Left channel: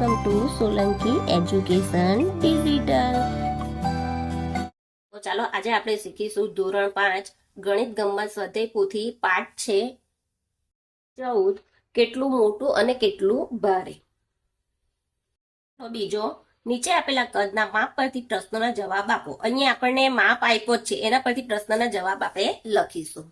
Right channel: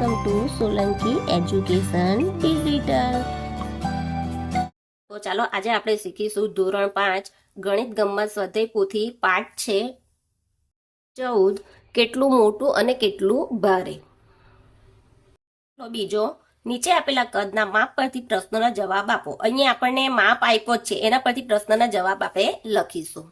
Welcome to Solanki education digital. તો ચાલો આજે આપણે શીખીશું ધોરણ 5 ગણિત ગમ્મત સ્વાધ્યાય પોથી પાઠ છે 14 કેટલું મોટું અને કેટલું ભારે. તો બીજો નીચે આપેલા કદના માપ પરથી પ્રશ્નોના જવાબ આપો. અહીંયા આપણને માપ આપ્યો છે, એના પરથી પ્રશ્નના જવાબ આપણે લખીશું.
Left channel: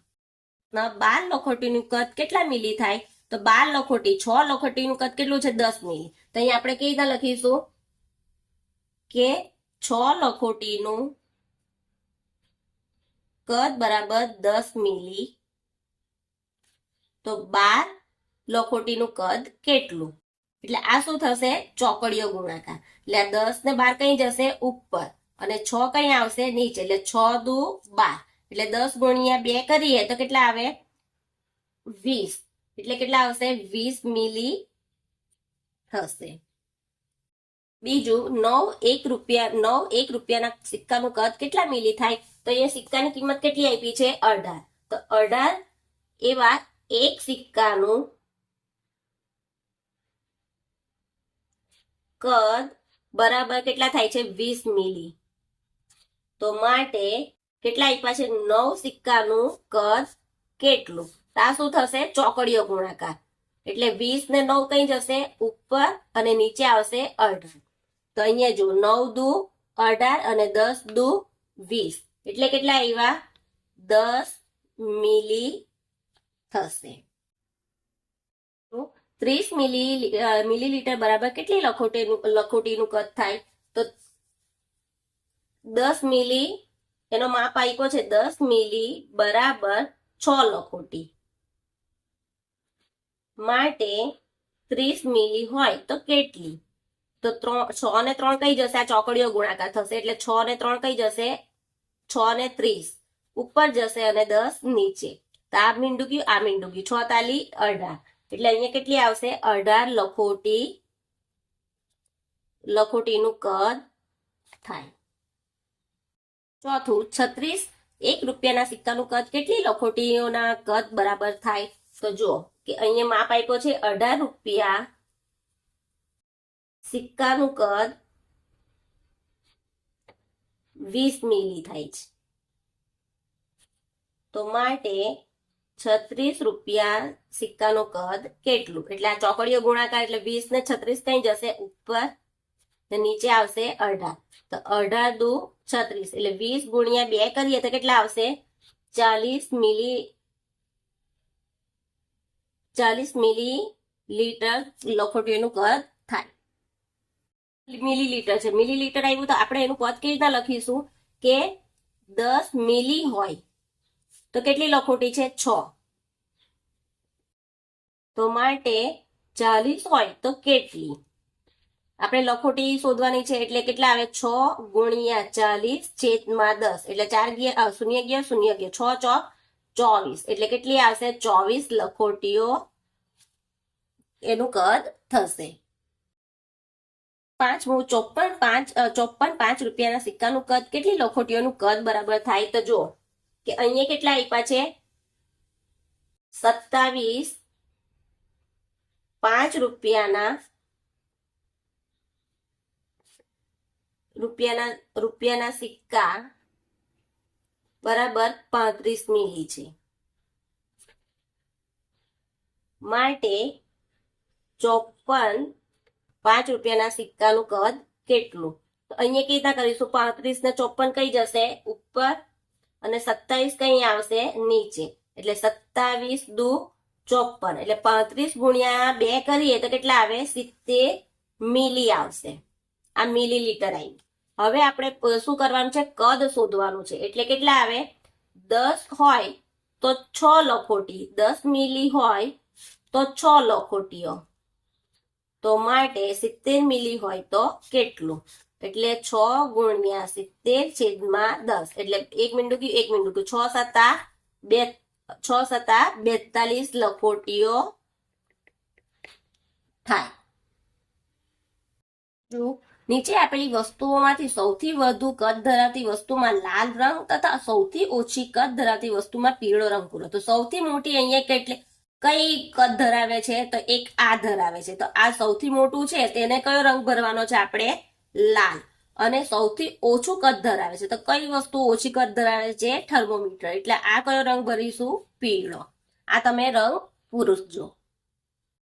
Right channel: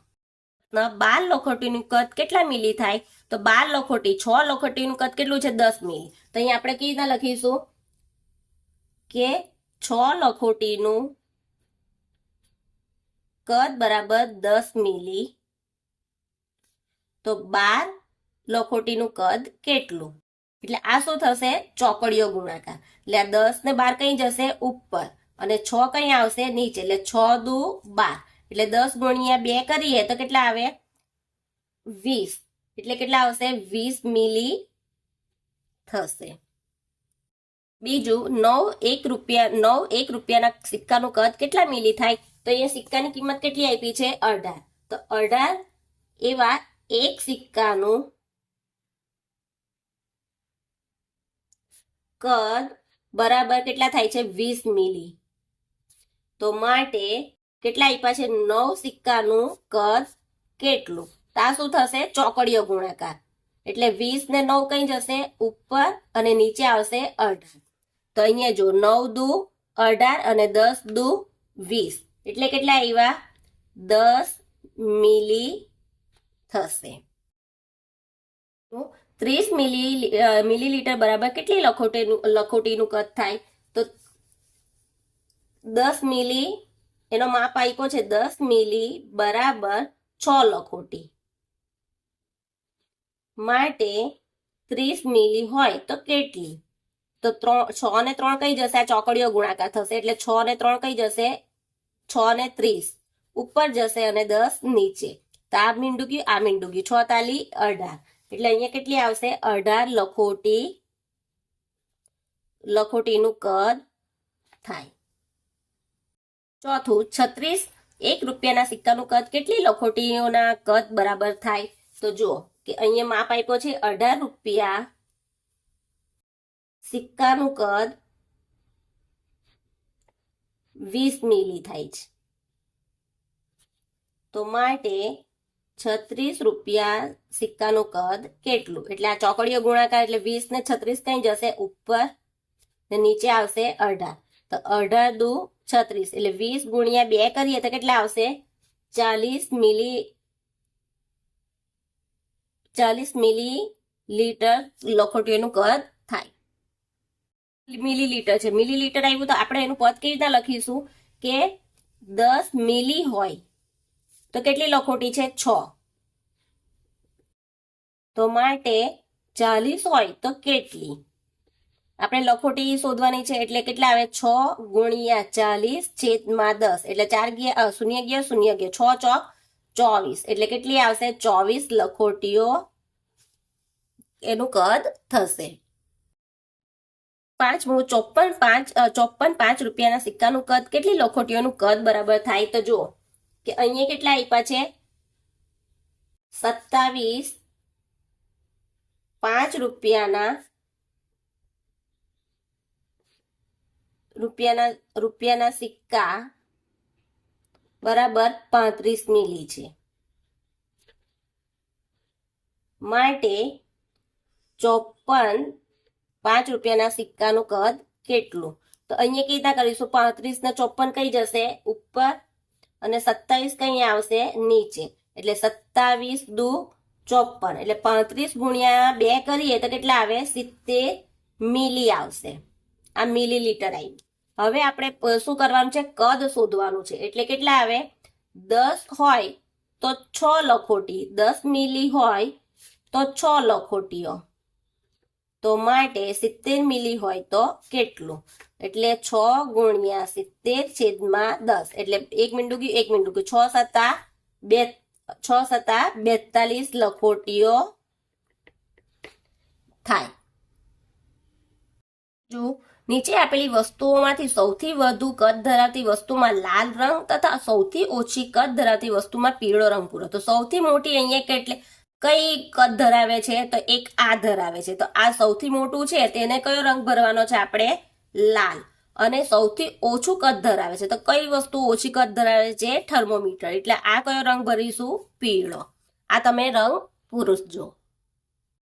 12 લખોટીનું કદ કેટલા મિલી થાય? તો 12 લખોટી 6 લખોટીનું કદ કેટલું છે? 10 મિલી. તો અહીંયા આપણે કેવી રીતના લખીશું કે 6 લખોટીનું કદ બરાબર 10 મિલી, તો 12 લખોટીનું કદ કેટલું? એટલે આ શું થશે? ચોકડીઓ ગુણાકાર. એટલે આ 10 ને 12 કઈ જશે? ઉપર, અને 6 કઈ આવશે? નીચે. એટલે 6 દુ 12, એટલે 10 ગુણ્યા 2 કરીએ તો કેટલા આવે? 20. એટલે કેટલા આવશે? 20 મિલી થશે. બીજું 9 રૂપિયાના સિક્કાનું કદ કેટલા મિલી થાય? તો અહીંયા સિક્કાની કિંમત કેટલી આપી છે? 18. તો 18 એવા એક સિક્કાનું કદ બરાબર કેટલા થાય છે? 20 મિલી. તો માટે કેટલા આપ્યા છે? 9 સિક્કાનું કદ કેટલું? તો આ શું થશે? ચોકડીઓ ગુણાકાર. એટલે 20 ને 9 કઈ જશે? ઉપર, અને નીચે આવશે 18. તો અહીંયા જો 9 દુ 18 અને 10 દુ 20, એટલે કેટલા આવ્યા? 10 મિલી થશે. 30 મિલીલીટર બરાબર કેટલી લખોટીનું કદ થાય? તો 10 મિલી એનો માપ આપ્યો છે. 10 મિલી બરાબર 6 લખોટી. માટે 30 મિલી હોય તો કેટલી? તો 6 ને 3 કઈ જશે? આ ચોકડીઓ ગુણાકાર થશે. એટલે 6 ને 3 કઈ જશે? 6 ને 30 ઉપર જશે અને 10 નીચે. તો આ મીંડું ગયું, આ મીંડું ગયું. 6 તાલી 18. એટલે અહીંયા કેટલી આવશે? 18 લખોટીનું કદ થાય. ચોથું 36 રૂપિયાના સિક્કાનું કદ કેટલી લખોટીઓના કદ બરાબર થાય? તો જુઓ કે અહીંયા માપ આપ્યો છે 18 રૂપિયા સિક્કાનું કદ 20 મિલી થાય છે. તો માટે 36 રૂપિયા સિક્કાનું કદ કેટલું? એટલે આ ચોકડીઓ ગુણાકાર, એટલે 20 ને 36 કઈ જશે? ઉપર, ને નીચે આવશે 18. તો 18 દુ 36, એટલે 20 ગુણ્યા 2 કરીએ તો કેટલા આવશે? 40 મિલીલીટર લખોટીનું કદ થાય. મિલીલીટર છે, મિલીલીટર આવ્યું તો આપણે એનું પદ કેવી રીતે લખીશું કે 10 મિલી હોય તો કેટલી લખોટી છે? 6. તો માટે 40 હોય તો કેટલી? આપણે લખોટી શોધવાની છે. એટલે કેટલા આવે? 6 ગુણ્યા 40 છેદમાં 10, એટલે 4 ગયા, 0 ગયા, 0 ગયા, 6 ચોક 24, એટલે કેટલી આવશે? 24 લખોટીઓ એનું કદ થશે. પાંચમું 54 રૂપિયાના સિક્કાનું કદ કેટલી લખોટીઓનું કદ બરાબર થાય? તો જુઓ કે અહીંયા કેટલા આપ્યા છે? 27 5 રૂપિયાના સિક્કા બરાબર 35 મિલી છે. માટે 54 5 રૂપિયાના સિક્કાનું કદ કેટલું? તો અહીંયા કેવી રીતના કરીશું? 35 ને 54 કઈ જશે? ઉપર, અને 27 કઈ આવશે? નીચે. એટલે 27 દુ 54, એટલે 35 ગુણ્યા 2 કરીએ તો કેટલા આવે? 70 મિલી આવશે. આ મિલીલીટર આવ્યું. હવે આપણે શું કરવાનું છે? કદ શોધવાનું છે. એટલે કેટલા આવે? 10 હોય તો 6 લખોટી, 10 મિલી હોય તો 6 લખોટીઓ. તો માટે 70 મિલી હોય તો કેટલું? એટલે 6 ગુણ્યા 70 છેદમાં 10, એટલે 1 મીંડું ગયું, 1 મીંડું ગયું. 6 સત્તા 42 લખોટીઓ થાય. જો નીચે આપેલી વસ્તુઓમાંથી સૌથી વધુ કદ ધરાવતી વસ્તુમાં લાલ રંગ તથા સૌથી ઓછી કદ ધરાવતી વસ્તુમાં પીળો રંગ પૂરો. તો સૌથી મોટી અહીંયા કેટલી? કઈ કદ ધરાવે છે? તો એક આ ધરાવે છે. તો આ સૌથી મોટું છે, તેને કયો રંગ ભરવાનો છે આપણે? લાલ. અને સૌથી ઓછું કદ ધરાવે છે, તો કઈ વસ્તુ ઓછી કદ ધરાવે છે? થર્મોમીટર. એટલે આ કયો રંગ ભરીશું? પીળો. આ તમે રંગ પૂરજો.